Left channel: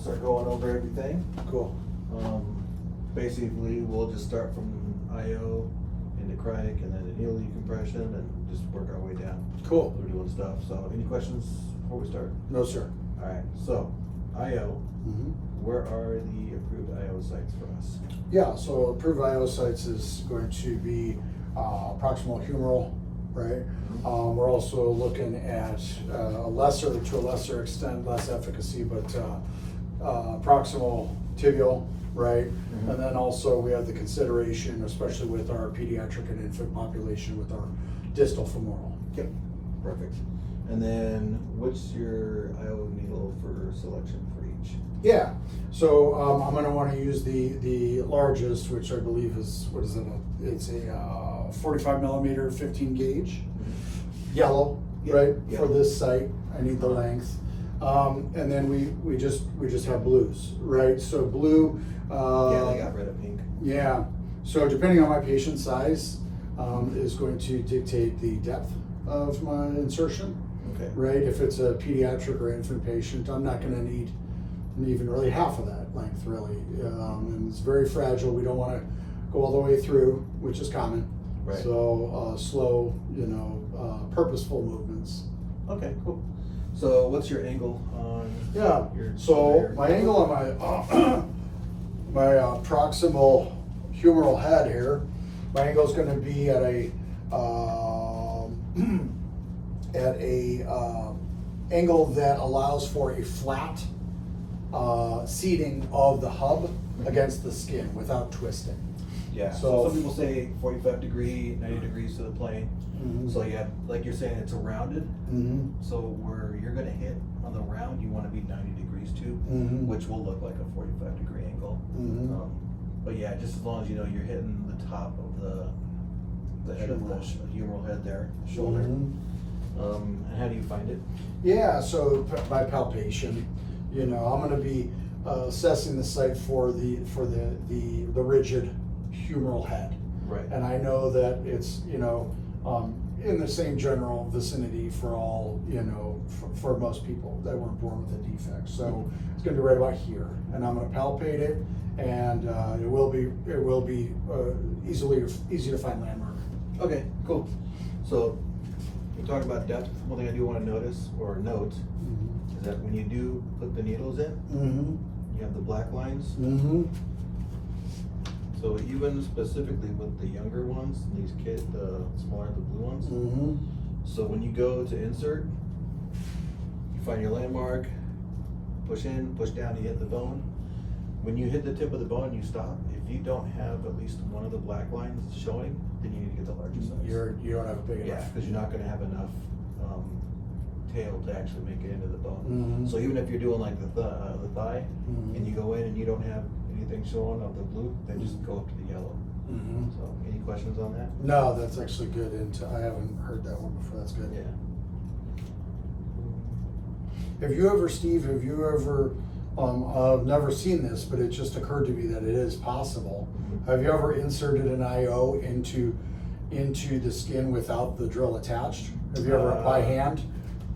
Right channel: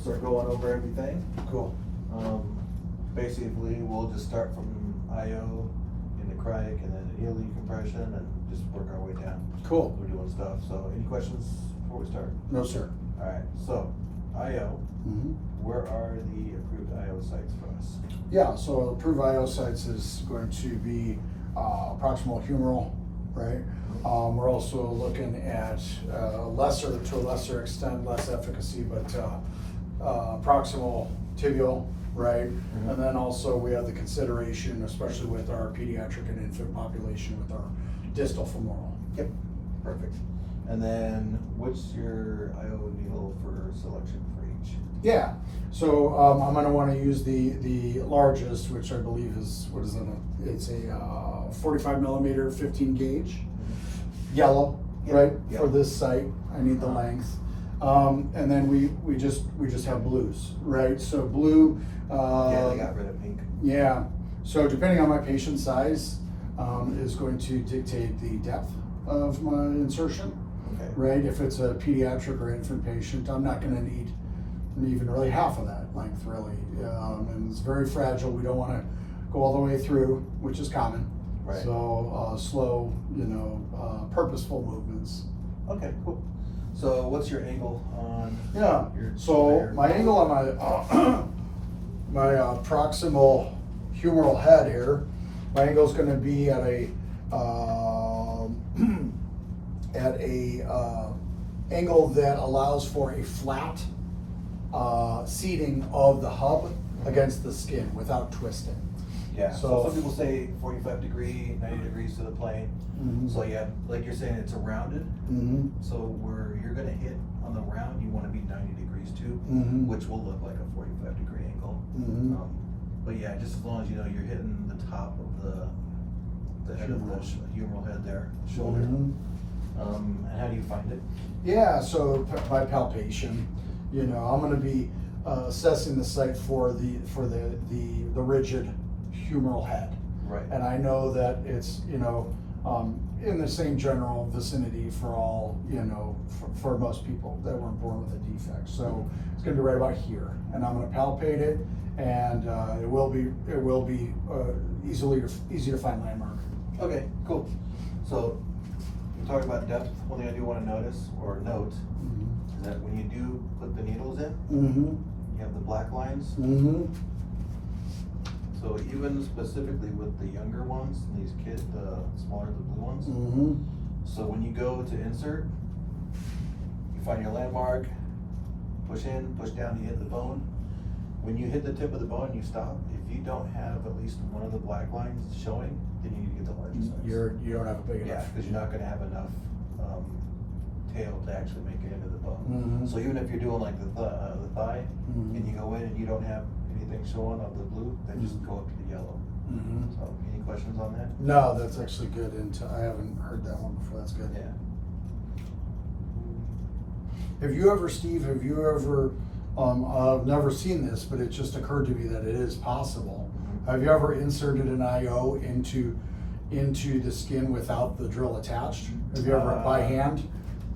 start going over everything. Cool. Basically, we'll just start from IO into cryoc and then needle decompression and just work our way down. Cool. We're doing stuff. So, any questions before we start? No, sir. All right. So, IO. Mm-hmm. Where are the approved IO sites for us? Yeah, so approved IO sites is going to be proximal humeral, right? We're also looking at to a lesser extent, less efficacy, but proximal tibial, right? Mm-hmm. And then also we have the consideration, especially with our pediatric and infant population, with our distal femoral. Yep. Perfect. And then, what's your IO needle for selection for each? Yeah, so I'm going to want to use the largest, which I believe is, what is it? It's a 45 millimeter, 15 gauge, yellow, Yep. right? Yep. For this site, I need the length, and then we just have blues, right? So blue. Yeah, I got rid of pink. Yeah. So depending on my patient size, is going to dictate the depth of my insertion. Okay. Right, if it's a pediatric or infant patient, I'm not gonna need even really half of that length, really. And it's very fragile, we don't wanna go all the way through, which is common. Right. So, slow, purposeful movements. Okay, cool. So what's your angle on? Yeah, your so there? my angle on my, my proximal humeral head here, my angle is gonna be at a, angle that allows for a flat seating of the hub against the skin without twisting. Yeah, so So- some people say 45 degree, 90 degrees to the plane. Mhm. So yeah, like you're saying, it's a rounded. Mm-hmm. So where you're gonna hit on the round, you wanna be 90 degrees too, Mhm. which will look like a 45 degree angle. Mhm. But yeah, just as long as you know you're hitting the top of the head of the humeral head there, shoulder. Mhm. And how do you find it? Yeah, so by palpation, I'm going to be assessing the site for the rigid humeral head, Right. and I know that it's in the same general vicinity for all for most people that weren't born with a defect. So it's going to be right about here, and I'm going to palpate it, and it will be easy to find landmark. Okay, cool. So we're talking about depth. One thing I do want to notice or note is that when you do put the needles in, Mm-hmm. you have the black lines. Mm-hmm. So even specifically with the younger ones, these kids, the smaller, the blue ones. Mm-hmm. So when you go to insert, you find your landmark, push in, push down to hit the bone. When you hit the tip of the bone, you stop. If you don't have at least one of the black lines showing, then you need to get the larger size. You don't have a big Yeah, enough. because you're not gonna have enough tail to actually make it into the bone. Mhm. So even if you're doing like the thigh, Mhm. and you go in and you don't have anything showing of the blue, then just go up to the yellow. Mhm. So any questions on that? No, that's actually good. I haven't heard that one before. That's good. Yeah. Steve, I've never seen this, but it just occurred to me that it is possible. Have you ever inserted an IO into the skin without the drill attached? Have you ever by hand?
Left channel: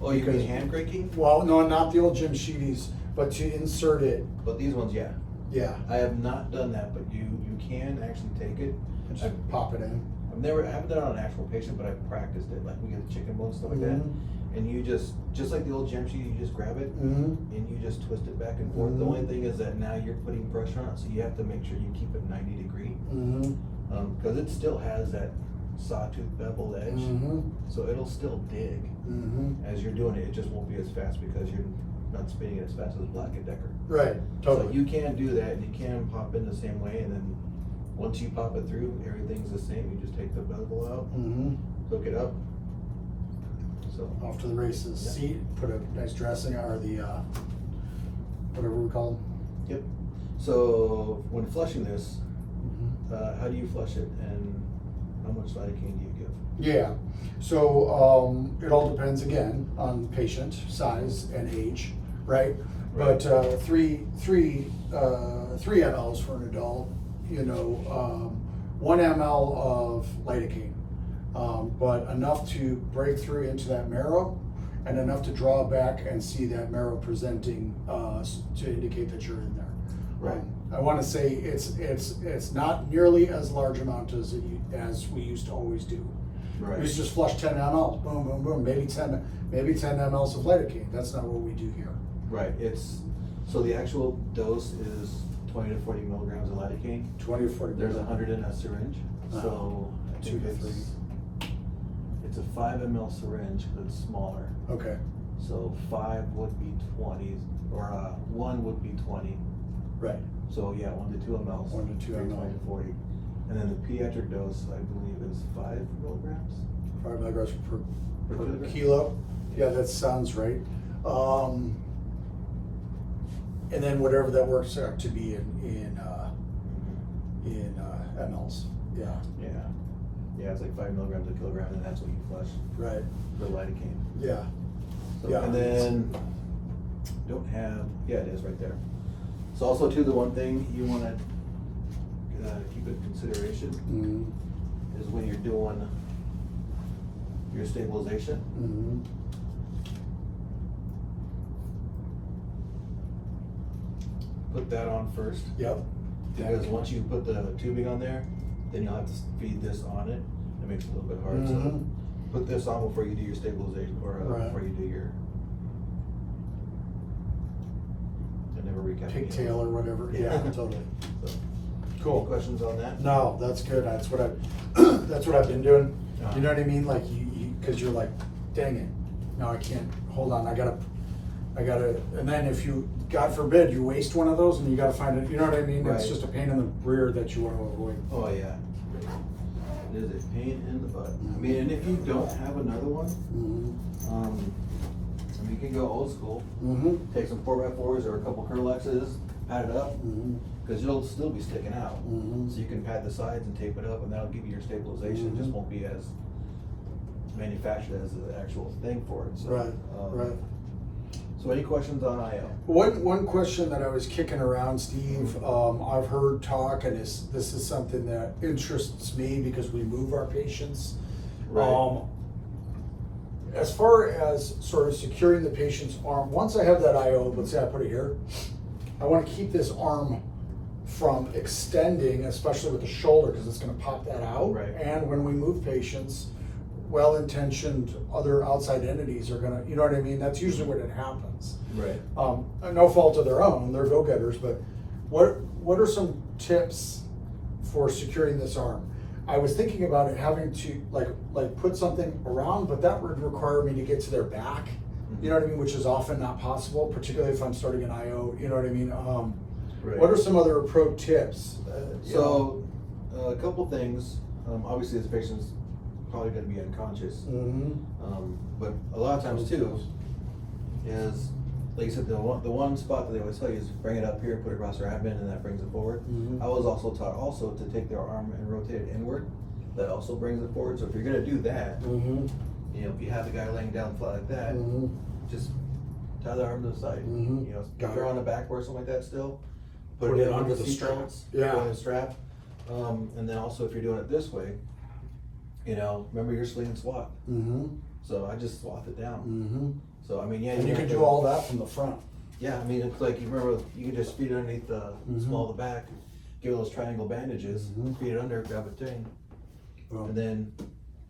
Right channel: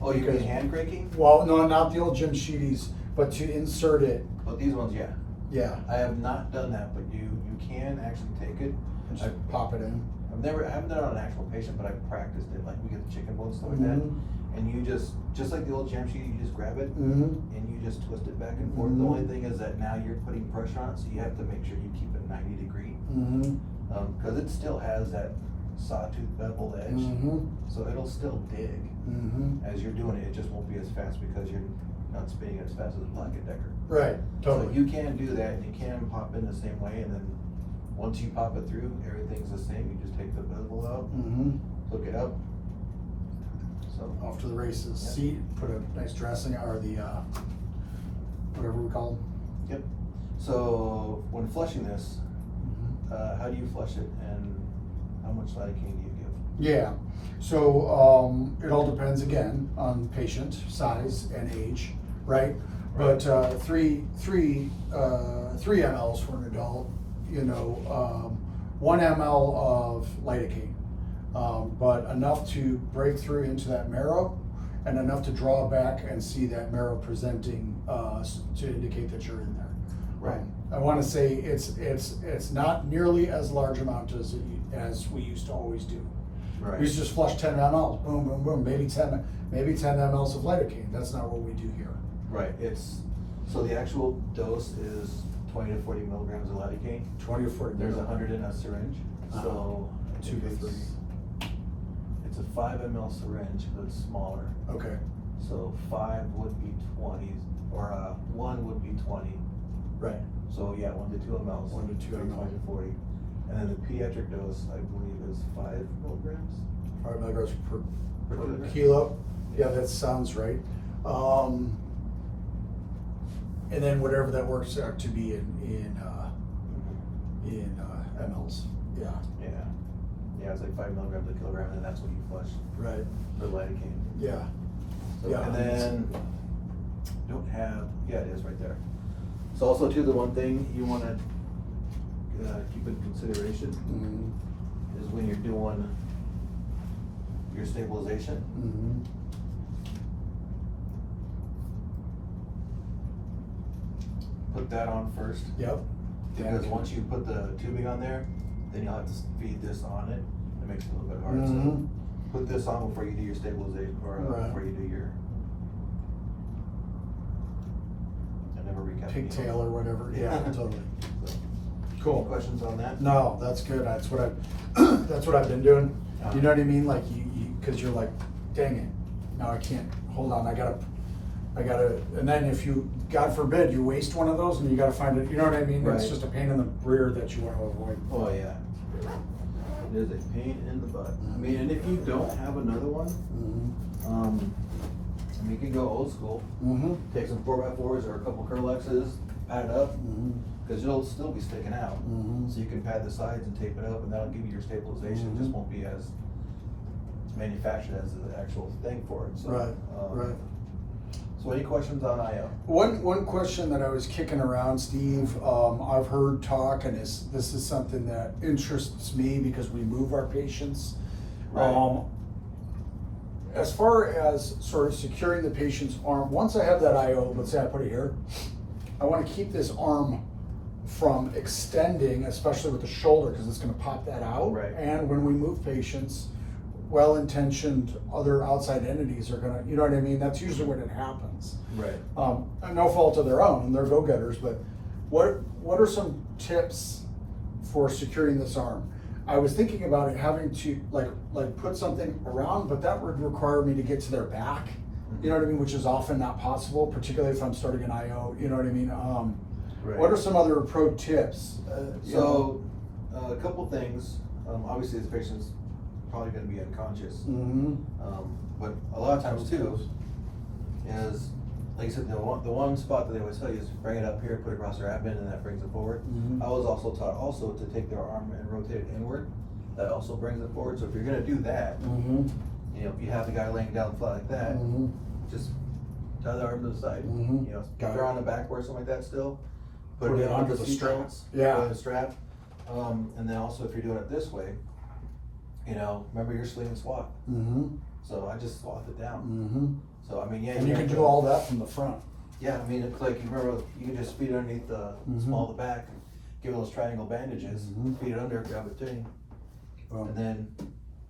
Oh, you mean Because- hand cranking? Well, no, not the old Jim Sheedy's, but to insert it. But these ones, yeah. Yeah. I have not done that, but you can actually take it. Just I've- pop it in. I haven't done it on an actual patient, but I've practiced it. Like we get the chicken bones, stuff like that. Mhm. And you just like the old jam sheet, you just grab it Mm-hmm. and you just twist it back and forth. The Mhm. only thing is that now you're putting pressure on it, so you have to make sure you keep it 90 degree. Mm-hmm. Because it still has that sawtooth beveled edge, Mm-hmm. so it'll still dig Mm-hmm. as you're doing it. It just won't be as fast because you're not spinning it as fast as Black & Decker. Right. Totally. So you can do that, and you can pop in the same way, and then once you pop it through, everything's the same. You just take the bevel out, Mm-hmm. hook it up. So Off to the races. Yep. Seat, put a nice dressing or the whatever we call them. yep. So when flushing this, Mm-hmm. how do you flush it, and how much lidocaine do you give? Yeah. So it all depends again on patient size and age, right? Right. But three mLs for an adult, 1 ml of lidocaine, but enough to break through into that marrow and enough to draw back and see that marrow presenting, to indicate that you're in there. Right. I wanna say it's not nearly as large amount as we used to always do. Right. We used to just flush 10 mLs, boom, boom, boom, maybe 10 mLs of lidocaine. That's not what we do here. Right, so the actual dose is 20 to 40 milligrams of lidocaine. 20 or 40. There's 100 in a syringe, Uh-huh. so I 2 think to 3. It's a 5 ml syringe, but it's smaller. Okay. So 5 would be 20, or 1 would be 20. Right. So yeah, 1 to 2 mLs. 1 to 2 would be ml. 20 to 40. And then the pediatric dose, I believe, is 5 milligrams. 5 milligrams per kilogram? kilo. Yeah, that sounds right. And then whatever that works out to be in mLs. Yeah. Yeah. Yeah, it's like 5 milligrams a kilogram, and then that's what you flush Right. for lidocaine. Yeah. So, Yeah. and then don't have, yeah, it is right there. So also too, the one thing you wanna keep in consideration Mm-hmm. is when you're doing your stabilization, Mm-hmm. put that on first. Yep. Because once you put the tubing on there, then you'll have to feed this on it. It makes it a little bit hard, so Mhm. put this on before you do your stabilization, or Right. before you do your. I never recap. Pigtail or whatever. Yeah, totally. So, Cool. any questions on that? No, that's good. That's what that's what I've been doing. You know what I mean? Like cause you're like, dang it, now I can't, hold on, I gotta, and then if you, God forbid, you waste one of those and you gotta find it, you know what I mean? It's Right. just a pain in the rear that you wanna avoid. Oh, yeah. It is a pain in the butt. I mean, and if you don't have another one, Mm-hmm. I mean, you can go old school, Mm-hmm. take some 4x4s or a couple Curlexes, pad it up, Mm-hmm. because it'll still be sticking out. Mhm. So you can pad the sides and tape it up, and that'll give you your stabilization. It just Mhm. won't be as manufactured as the actual thing for it. So, Right, right. So any questions on IO? One question that I was kicking around, Steve, I've heard talk, and this is something that interests me because we move our patients. Right. As far as sort of securing the patient's arm, once I have that IO, let's say I put it here, I want to keep this arm from extending, especially with the shoulder, because it's going to pop that out. Right. And when we move patients, well-intentioned other outside entities are gonna, you know what I mean? That's usually when it happens. Right. No fault of their own, they're go-getters, but what are some tips for securing this arm? I was thinking about it having to like put something around, but that would require me to get to their back. You know what I mean? Which is often not possible, particularly if I'm starting an IO, you know what I mean? Right. What are some other pro tips? You know? So, a couple things. Obviously, this patient's probably going to be unconscious. Mhm. But a lot of times too is, like you said, the one spot that they always tell you is bring it up here, put it across their abdomen, and that brings it forward. Mhm. I was also taught also to take their arm and rotate it inward. That also brings it forward. So if you're going to do that, Mhm. you know, if you have the guy laying down flat like that, Mhm. just tie the arm to the side. Mhm. You know, Got if they're it. on the back or something like that still, Put it under the seat strap. belts, Yeah. put it in the strap. And then also if you're doing it this way, you know, remember your sling and swat. Mhm. So I just swath it down. Mhm. So I mean, yeah. And you can do all that from the front. Yeah, I mean, it's like, you remember, you can just feed it underneath the Mhm. small of the back, give it those triangle bandages, Mhm. feed it under, grab a thing, and then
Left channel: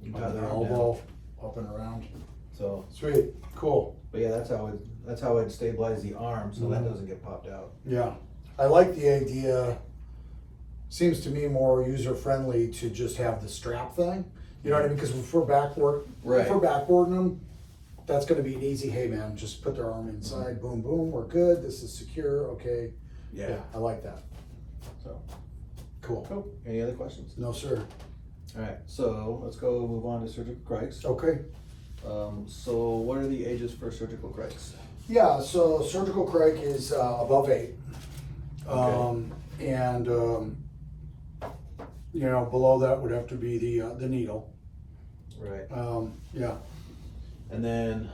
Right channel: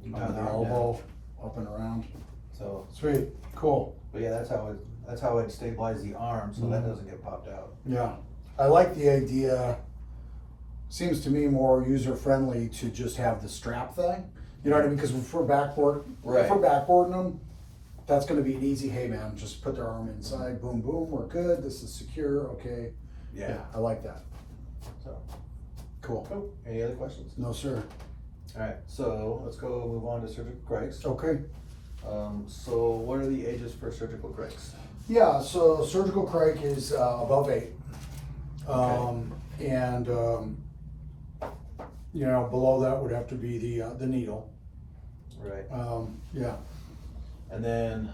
you tie On the the arm down. elbow, up and around. So, Sweet, cool. but yeah, that's how I'd stabilize the arm so that Mhm. doesn't get popped out. Yeah, I like the idea. Seems to me more user-friendly to just have the strap thing. You know what I mean? Because if we're Right. backboarding them, that's gonna be an easy, hey man, just put their arm inside, boom, boom, we're good, this is secure, okay. Yeah. I like that. So, Cool. cool. Any other questions? No, sir. Alright, so let's go move on to surgical cracks. Okay. So what are the ages for surgical cracks? Yeah, so surgical crake is above 8. And you know, below that would have to be the needle. Right. Yeah. And then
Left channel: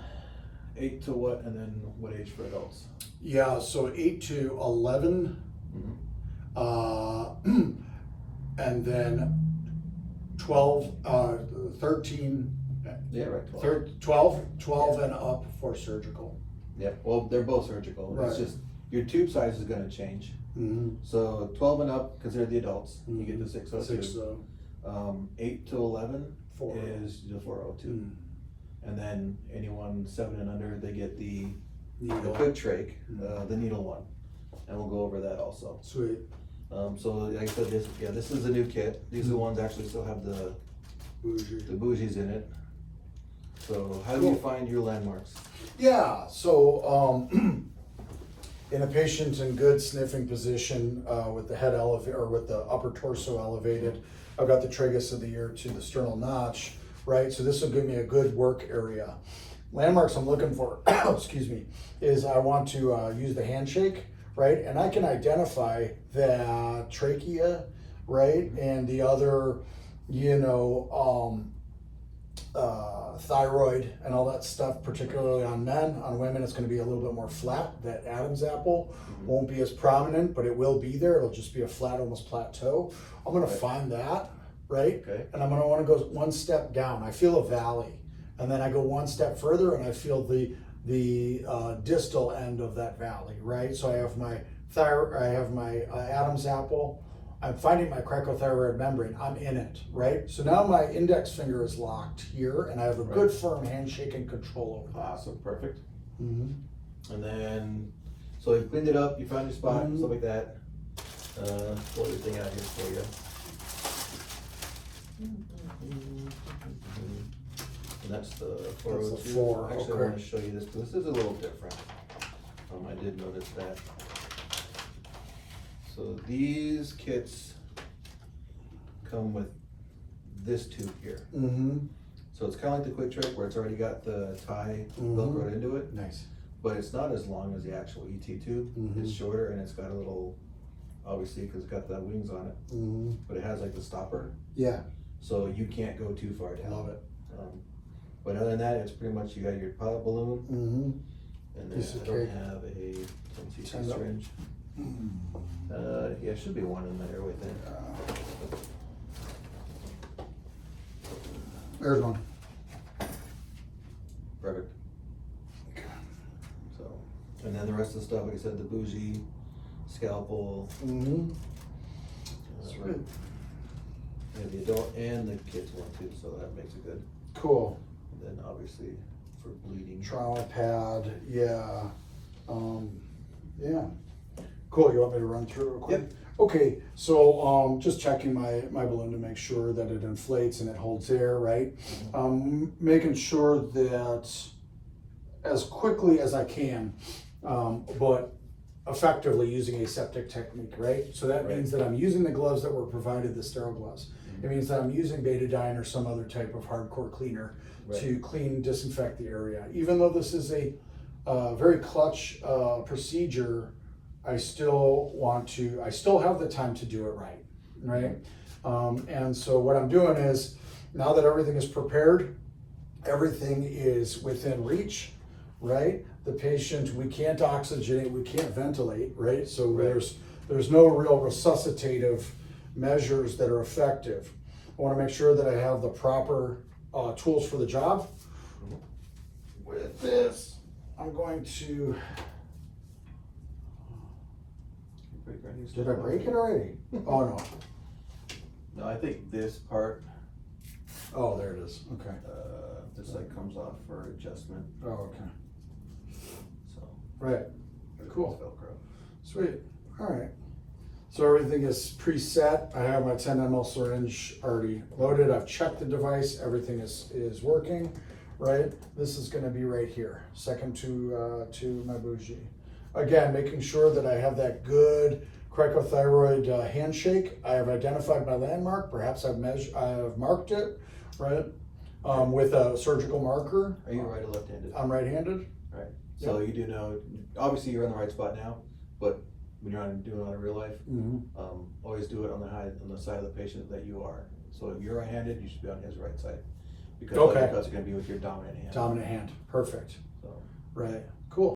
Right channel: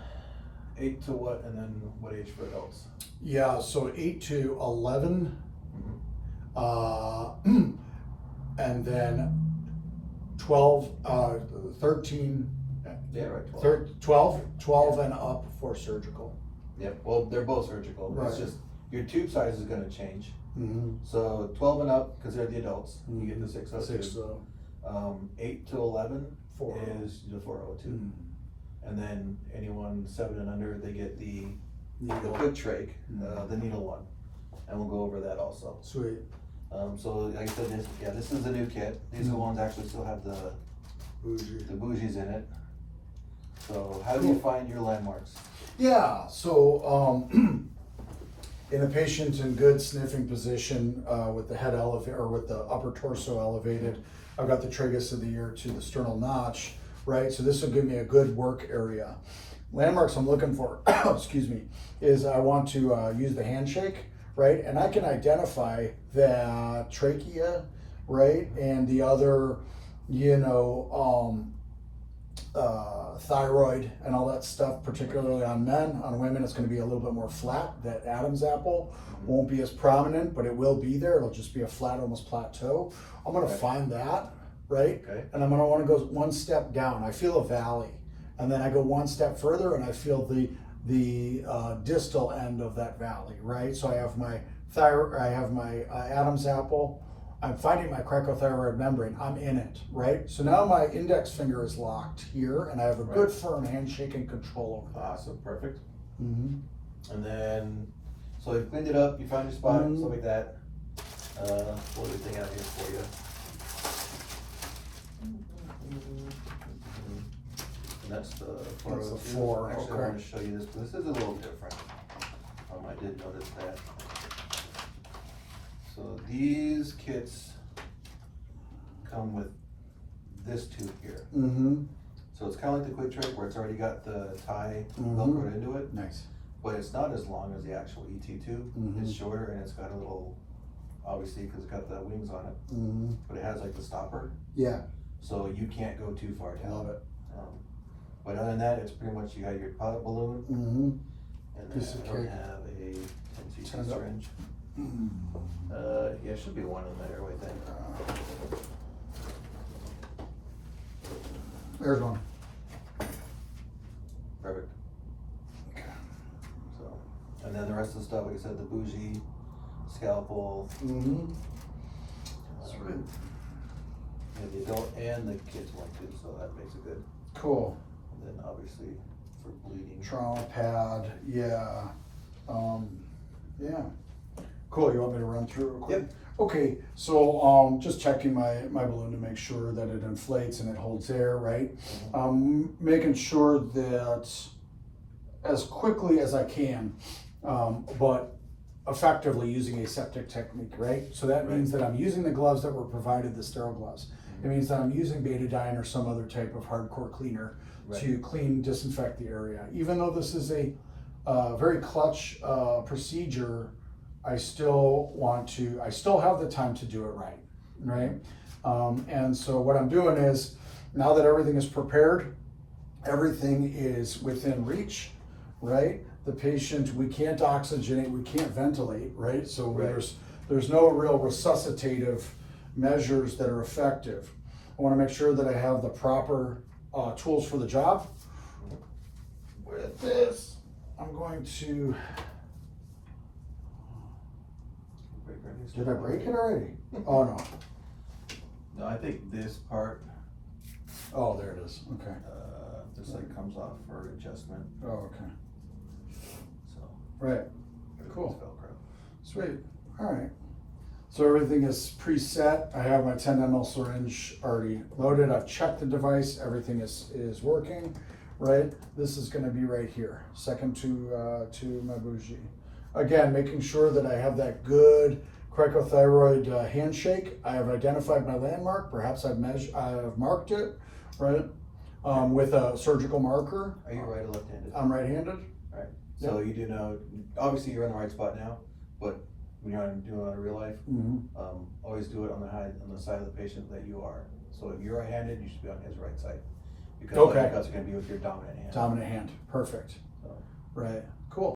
8 to what, and then what age for adults? Yeah, so 8 to 11, and then 12, 13, Yeah, right. 12 and up for surgical. Yep, well, they're both surgical, it's Right. just, your tube size is gonna change. Mm-hmm. So 12 and up, cause they're the adults, you get the 602. 6 8 to 11 4. is the 402. Mm. And then anyone 7 and under, they get the Needle. quick trach, Mm. the needle one. And we'll go over that also. Sweet. So like I said, this is the new kit. These are the ones actually still have the Bougie. bougies in it. So how do you find your landmarks? Yeah, so in a patient in good sniffing position with the head elevated or with the upper torso elevated, I've got the tragus of the ear to the sternal notch, right? So this will give me a good work area. Landmarks I'm looking for, excuse me, is I want to use the handshake, right? And I can identify the trachea, right? And the other, thyroid and all that stuff, particularly on men. On women, it's going to be a little bit more flat. That Adam's apple won't be as prominent, but it will be there. It'll just be a flat, almost plateau. I'm going to find that, right? Okay. And I'm going to want to go one step down. I feel a valley, and then I go one step further, and I feel the distal end of that valley, right? So I have my thyroid, I have my Adam's apple. I'm finding my cricothyroid membrane. I'm in it, right? So now my index finger is locked here, and I have a good firm handshake and control over that. Awesome, perfect. Mm-hmm. And then, so you cleaned it up, you found your spot, Mhm. stuff like that. Throw everything out here for you. And that's the 402. That's the 4, Actually, I okay. want to show you this, because this is a little different. I did notice that. So these kits come with this tube here. Mm-hmm. So it's kind of like the Quick Trip where it's already got the tie Mhm. velcroed into it, Nice. but it's not as long as the actual ET tube. Mhm. It's shorter and it's got a little, obviously because it's got the wings on it, Mm-hmm. but it has like the stopper, Yeah, so you can't go too far down. love it. But other than that, it's pretty much, you got your pilot balloon, Mm-hmm. and then Piece of I don't cake. have a Turn it up. syringe. Yeah, it should be one in the airway thing. There's one. Perfect. So, and then the rest of the stuff, like I said, the bougie, scalpel, Mm-hmm. right. Yeah, the adult and the kids one too, so that makes it good. Cool. And then obviously for bleeding. Trauma pad, yeah. Yeah. Cool, you want me to run through real quick? Yep. Okay, so just checking my balloon to make sure that it inflates and it holds air, right? Making sure that as quickly as I can, but effectively using aseptic technique, right? So that means that I'm using the gloves that were provided, the sterile gloves. It means that I'm using betadine or some other type of hardcore cleaner to clean, disinfect the area. Even though this is a very clutch procedure, I still have the time to do it right? And so what I'm doing is, now that everything is prepared, everything is within reach, right? The patient, we can't oxygenate, we can't ventilate, right? So there's no real resuscitative measures that are effective. I want to make sure that I have the proper tools for the job. With this, I'm going to, did I break it already? Oh, no. No, I think this part, Oh, there it is, okay. this like comes off for adjustment, Oh, okay, so. right, cool. Velcro. Sweet, all right. So everything is preset. I have my 10 ml syringe already loaded. I've checked the device, everything is working, right? This is gonna be right here, second to my bougie. Again, making sure that I have that good cricothyroid handshake. I have identified my landmark, perhaps I have marked it, right? With a surgical marker. Are you right or left-handed? I'm right-handed. Right, so you do know, obviously you're in the right spot now, but when you're doing it in real life, always do it on the side of the patient that you are. So if you're right-handed, you should be on his right side. Because Okay. that's gonna be with your dominant hand. Dominant hand, perfect, So. right, cool.